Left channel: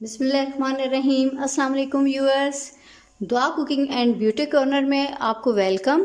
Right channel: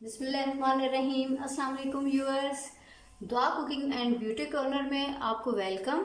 बिस्मिल्लाहिर्रहमानिर्रहीम। अस्सलाम वालेकुम व्यूअर्स। दुआ कुकिंग एंड ब्यूटी कॉर्नर में आपको वेलकम।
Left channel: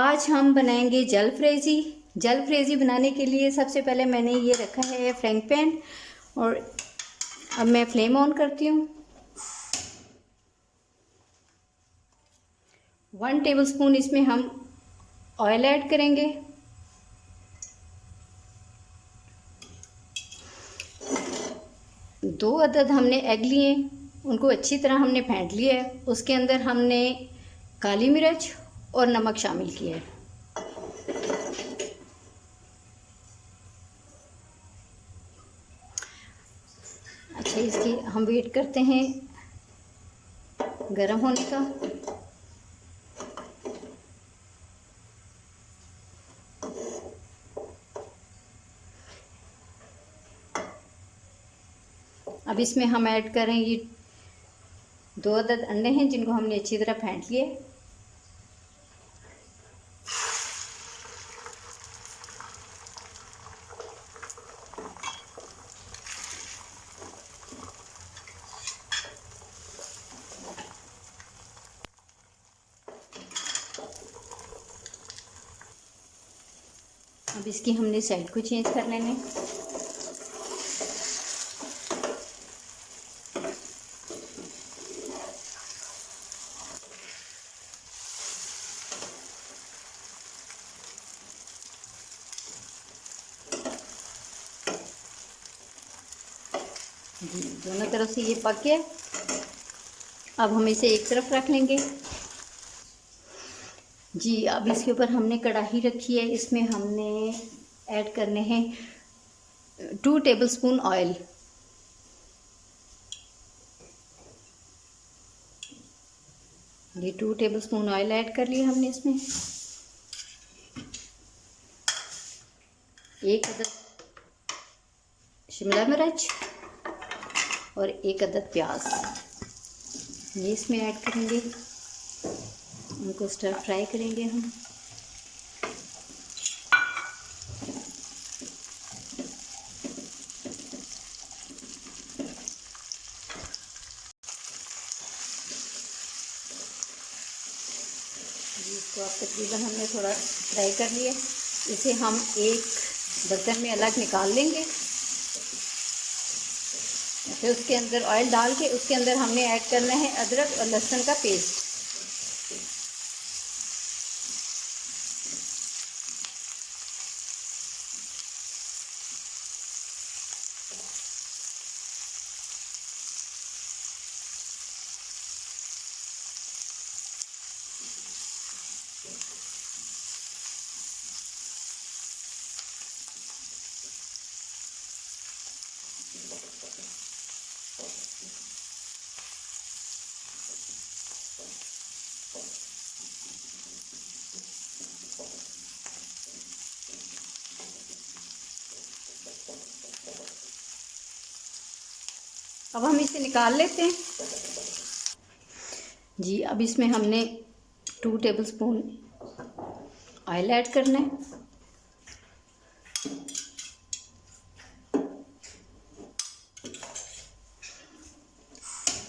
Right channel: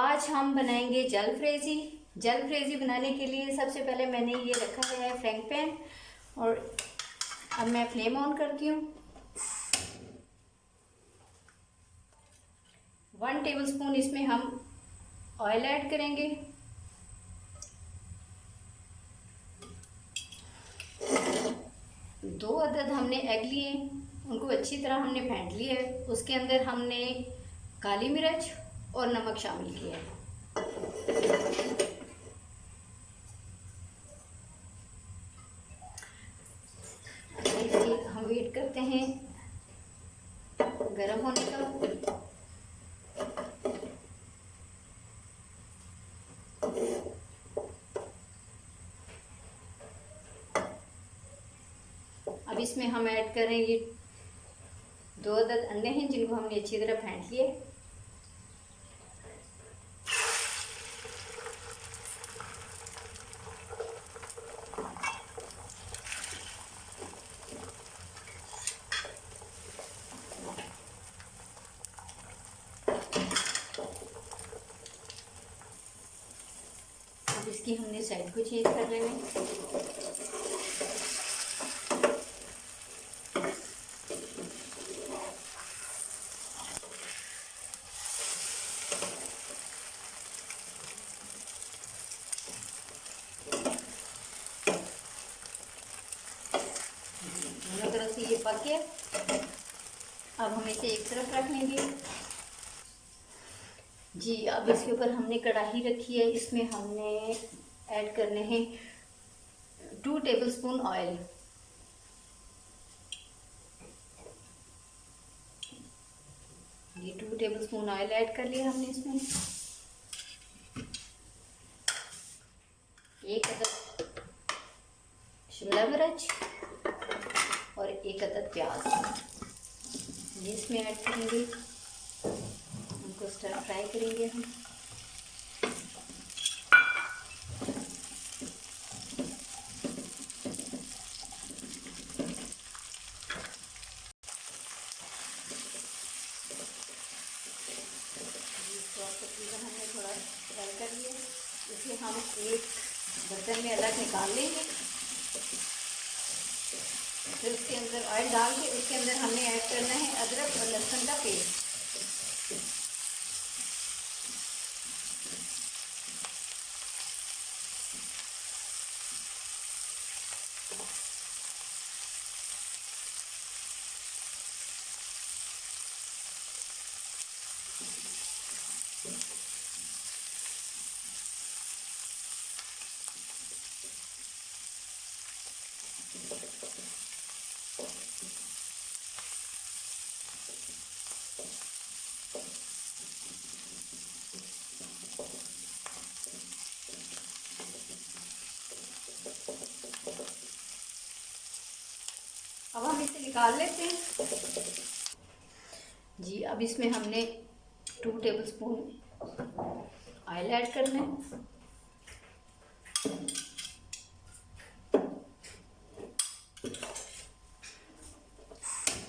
आज हम बनाएंगे जलफ्रेजी। जलफ्रेजी बनाने के लिए सबसे पहले मैंने ये रखा है फ्राइंग पैन और अब मैं फ्लेम ऑन करती हूँ। 1 टेबलस्पून इसमें हम ऑयल ऐड करेंगे। दो अदद हमने एग लिए, उनको अच्छी तरह हमने फेंट लिया है। उसके अंदर हमने काली मिर्च और नमक शामिल किया है। अच्छा, इसकी हम वेट करते हैं गरम होने का। अब इसमें हम ऐड कर रहे हैं ये 2 अदद अंडे हैं जिनको हमने अच्छी तरह फेंट लिए। अब इसकी हमने साइड को चेंज कर लेने। दोनों तरफ से ये पक गया। अब हम इसे एक तरफ रख लेंगे। जी, अब इसके ऊपर हमने कढ़ाई रखी है। इसमें हमने ऐड करने हैं 2 टेबलस्पून ऑयल। ये 2 टेबलस्पून ऑयल ऐड कर लिया हमने इसमें। 1 अदद शिमला मिर्च और 1 अदद प्याज ये इसमें ऐड करेंगे। उनको स्टर फ्राई करेंगे हम। इसको आप तकरीबन हमने थोड़ा फ्राई कर लिया। इसे हम एक बर्तन में अलग निकाल लेंगे। फिर उसके अंदर ऑयल डाल के उसके अंदर हमने ऐड करना है अदरक और लहसुन का पेस्ट। अब हम इसे निकाल लेते हैं। जी, अब इसमें हमने 2 टेबलस्पून ऑयल ऐड करना है।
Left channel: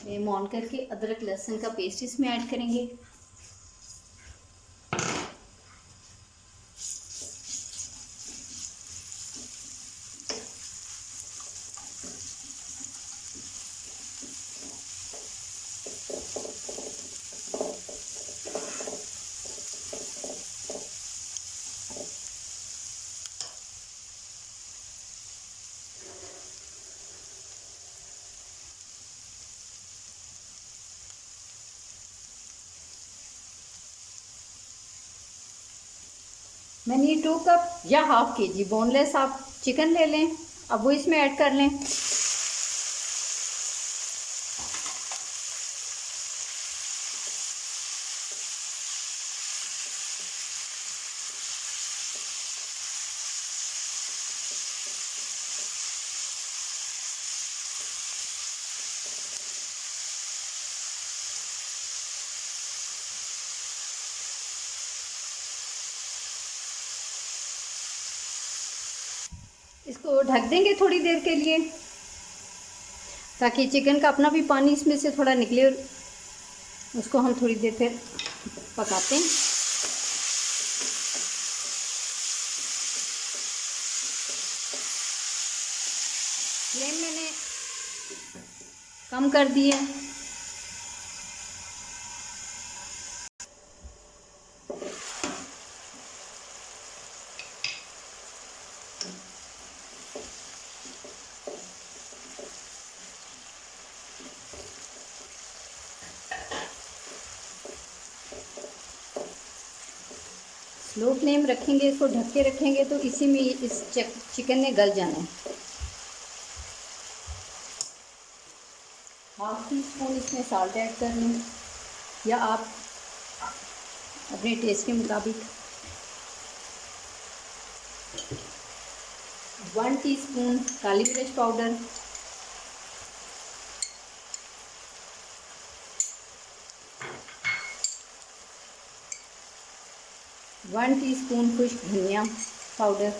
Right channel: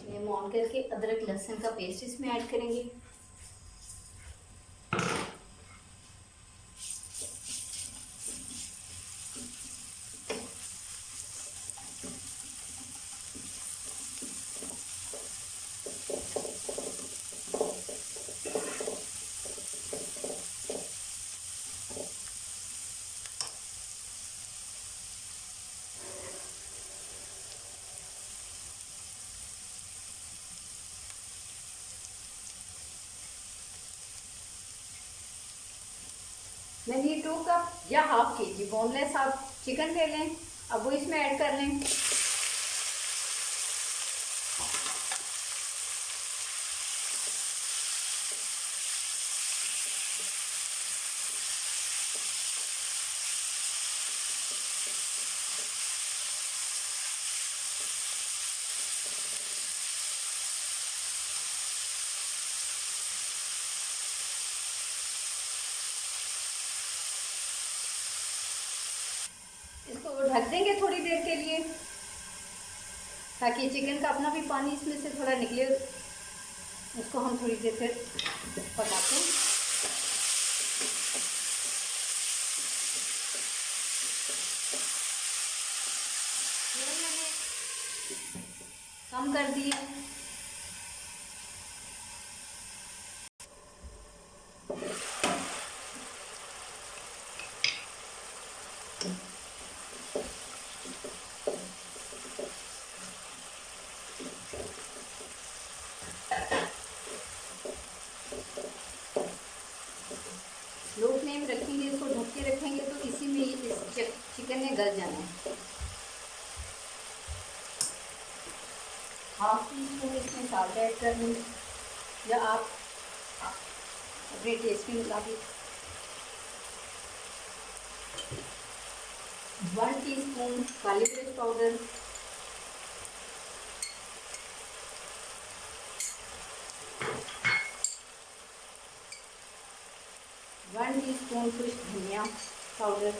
फ्लेम ऑन करके अदरक लहसुन का पेस्ट इसमें ऐड करेंगे। मैंने 2 कप या हाफ केजी बोनलेस आप चिकन ले लें। अब वो इसमें ऐड कर लें। इसको ढक देंगे थोड़ी देर के लिए। ताकि चिकन का अपना भी पानी इसमें से थोड़ा निकले। उसको हम थोड़ी देर फिर पकाते हैं। फ्लेम मैंने कम कर दी है। स्लो फ्लेम रखेंगे, इसको ढक के रखेंगे तो इसी में इस चिकन ने गल जाना है। हाफ टी स्पून इसमें साल्ट ऐड कर लें, या आप अपने टेस्ट के मुताबिक। 1 टीस्पून काली मिर्च पाउडर, 1 टीस्पून खुश्क धनिया पाउडर,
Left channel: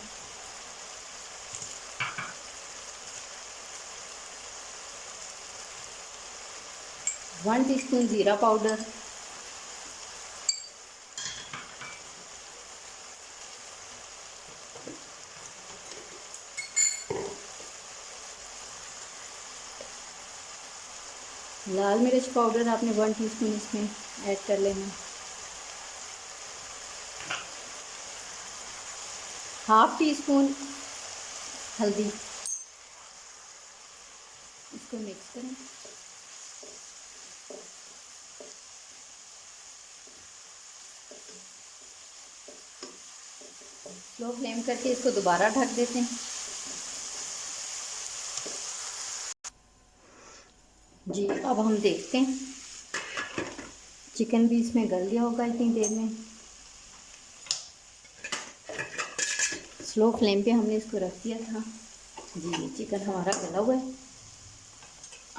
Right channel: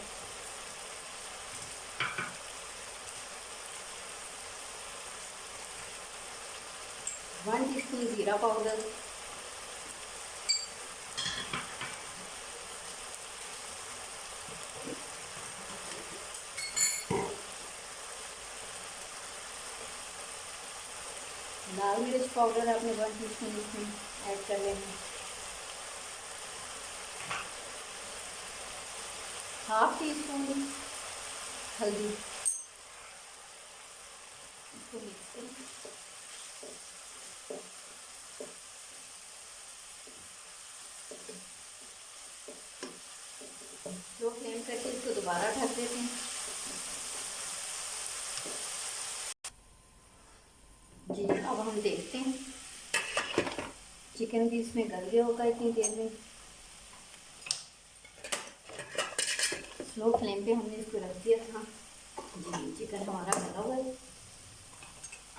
1 टीस्पून ज़ीरा पाउडर, लाल मिर्च पाउडर आपने 1 टीस्पून इसमें ऐड कर लेना। हाफ टी स्पून हल्दी, इसको मिक्स करें। स्लो फ्लेम करके इसको दोबारा ढक देते हैं। जी, अब हम देखते हैं चिकन भी इसमें गल गया होगा इतनी देर में। स्लो फ्लेम पे हमने इसको रख दिया था। जी, चिकन हमारा गला हुआ है।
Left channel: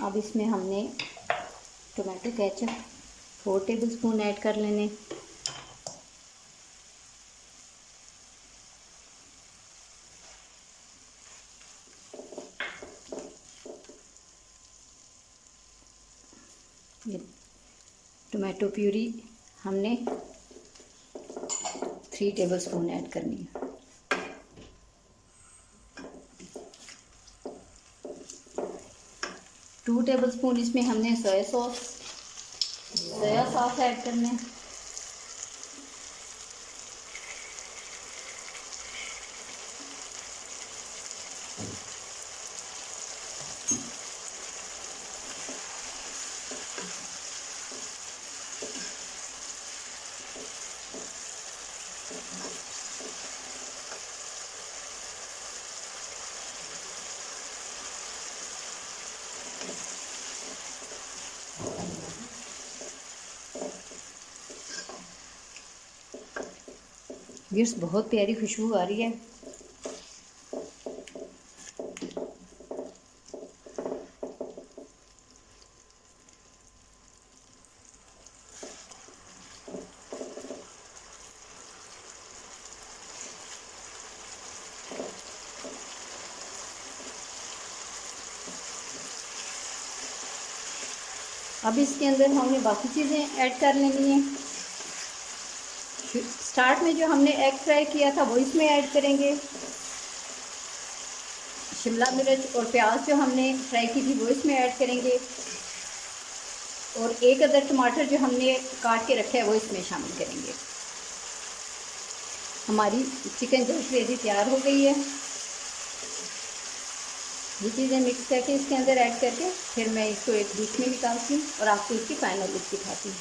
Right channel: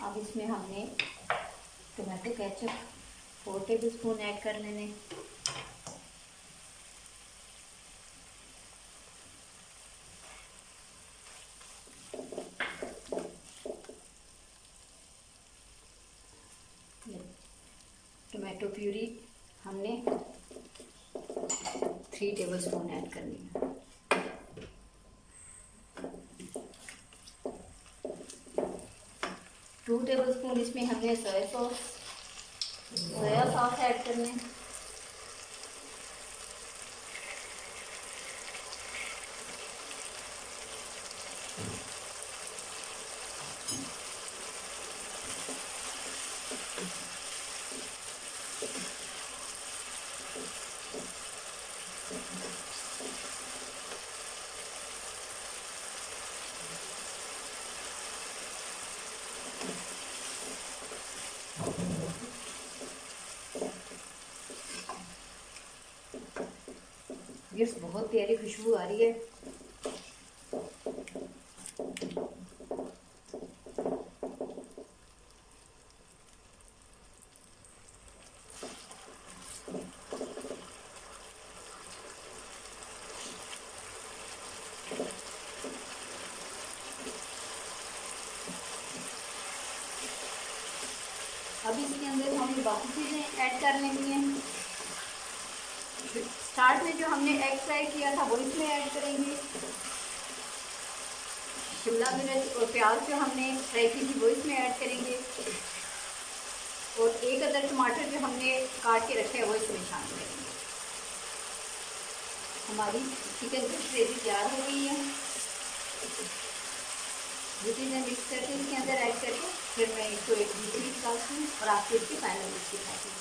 अब इसमें हमने tomato ketchup 4 table spoon add कर लेने। टोमेटो प्यूरी हमने 3 टेबल स्पून ऐड करनी है। टू टेबल स्पून इसमें हमने सोया सॉस ऐड करना है। व्यूअर्स, बहुत प्यारी खुशबू आ रही है। अब इसके अंदर हमने बाकी चीज़ें ऐड कर लेनी है। स्टार्ट में जो हमने एग फ्राई किया था वो इसमें ऐड करेंगे। शिमला मिर्च और प्याज जो हमने फ्राई की थी वो इसमें ऐड करेंगे। और 1 अदर टमाटर जो हमने काट के रखा है वो इसमें शामिल करेंगे। हमारी चिकन जल्द ग्रेवी तैयार हो गई है। ये चीज़ें मिक्स करके इसके अंदर ऐड करके फिर मैं इसको एक डिश में निकालती हूँ और आपको इसकी फाइनल लुक दिखाती हूँ।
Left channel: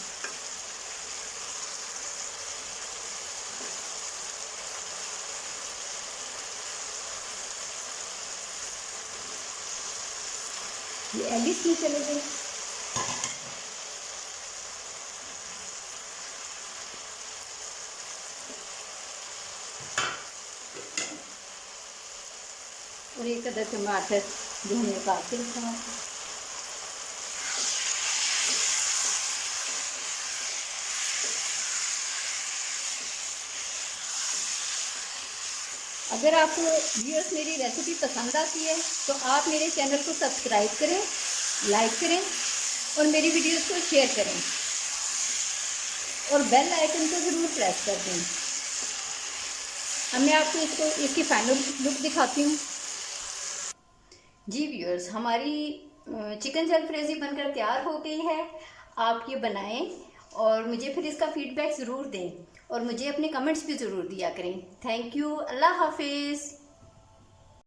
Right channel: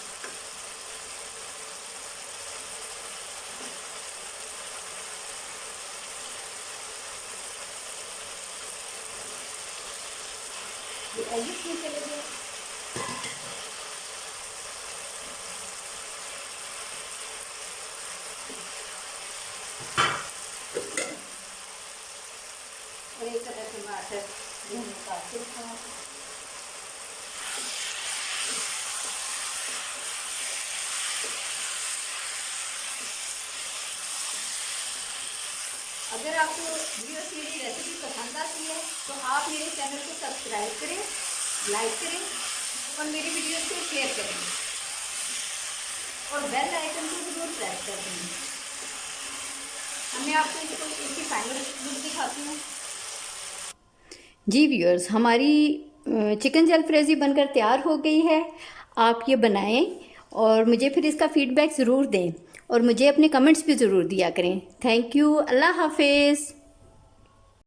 ये एडिट में चले गए। और 1 अदर टमाटर जो हमने काट के रखा है। अगर आपको व्यूअर्स मेरी रेसिपी पसंद आती है तो आप मेरे चैनल को सब्सक्राइब करें लाइक करें और मेरी वीडियोस को शेयर करें और बेल आइकन को ज़रूर प्रेस कर दें। अब मैं आपको इसकी फाइनल लुक दिखाती हूँ। जी व्यूअर्स, हमारी चिकन जलफ्रेजी बनकर तैयार हो गई है। आप ये बनाएं और मुझे फिर इसका फीडबैक ज़रूर दें और मुझे अपने कमेंट्स भी ज़रूर दिया करें। Thank you. अल्लाह हाफिज़।